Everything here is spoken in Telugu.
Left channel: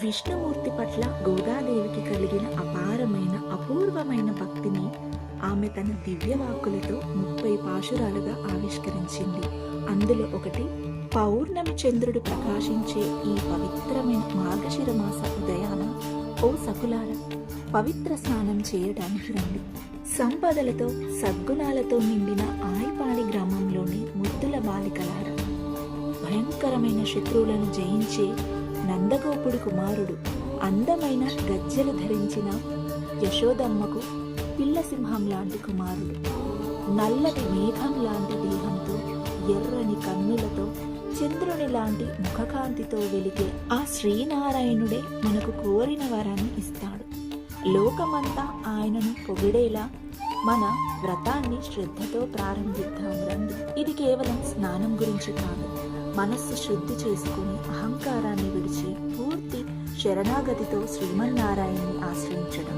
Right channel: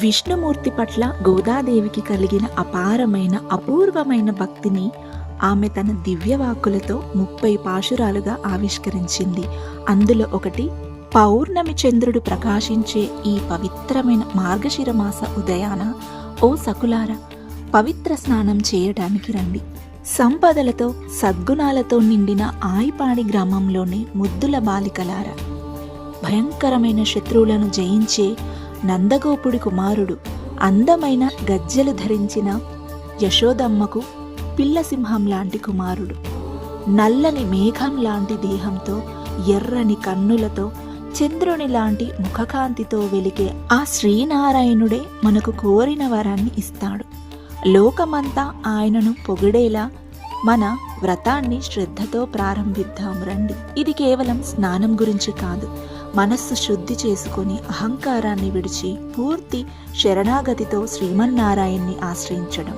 విష్ణుమూర్తి పట్ల గోదాదేవికి కలిగిన అపారమైన అపూర్వమైన భక్తిని ఆమె తన దివ్యవాక్కులతో 30 పాశురాలుగా ఆవిష్కరించింది. అందులో ఒకటి పౌర్ణమి చంద్రుడు ప్రకాశించే ఈ పవిత్రమైన మార్గశిర మాస ఉదయాన ఓ సకులార, పవిత్ర స్నానం చేయడానికి రండి. సంపదలతో సద్గుణాలతో నిండిన ఆయిపాడి గ్రామంలోని ముద్దుల బాలికలార, భయంకరమైన శత్రువులను జయించే నందగోపుడి కుమారుడు, అందమైన గజ్జెలు ధరించిన యశోదమ్మకు పిల్లసింహం లాంటి కుమారుడు, నల్లని మేఘం లాంటి దేహంతో ఎర్రని కన్నులతో చంద్రుని లాంటి ముఖకాంతితో వెలిగే ఆ శ్రీనారాయణుడే మనకు కోరిన వరాన్ని ఇస్తాడు. లోకమంతా ఆయనను పొగిడేలా మన వ్రతాన్ని శ్రద్ధతో ప్రారంభిద్దాం రండి. ఇది కేవలం స్నానం గురించి కాదు, మనస్సు శుద్ధి చేసుకుని అహంకారాన్ని విడిచి పూర్తి శరణాగతితో శ్రీమన్నారాయణ్ణి ఆశ్రయించడం.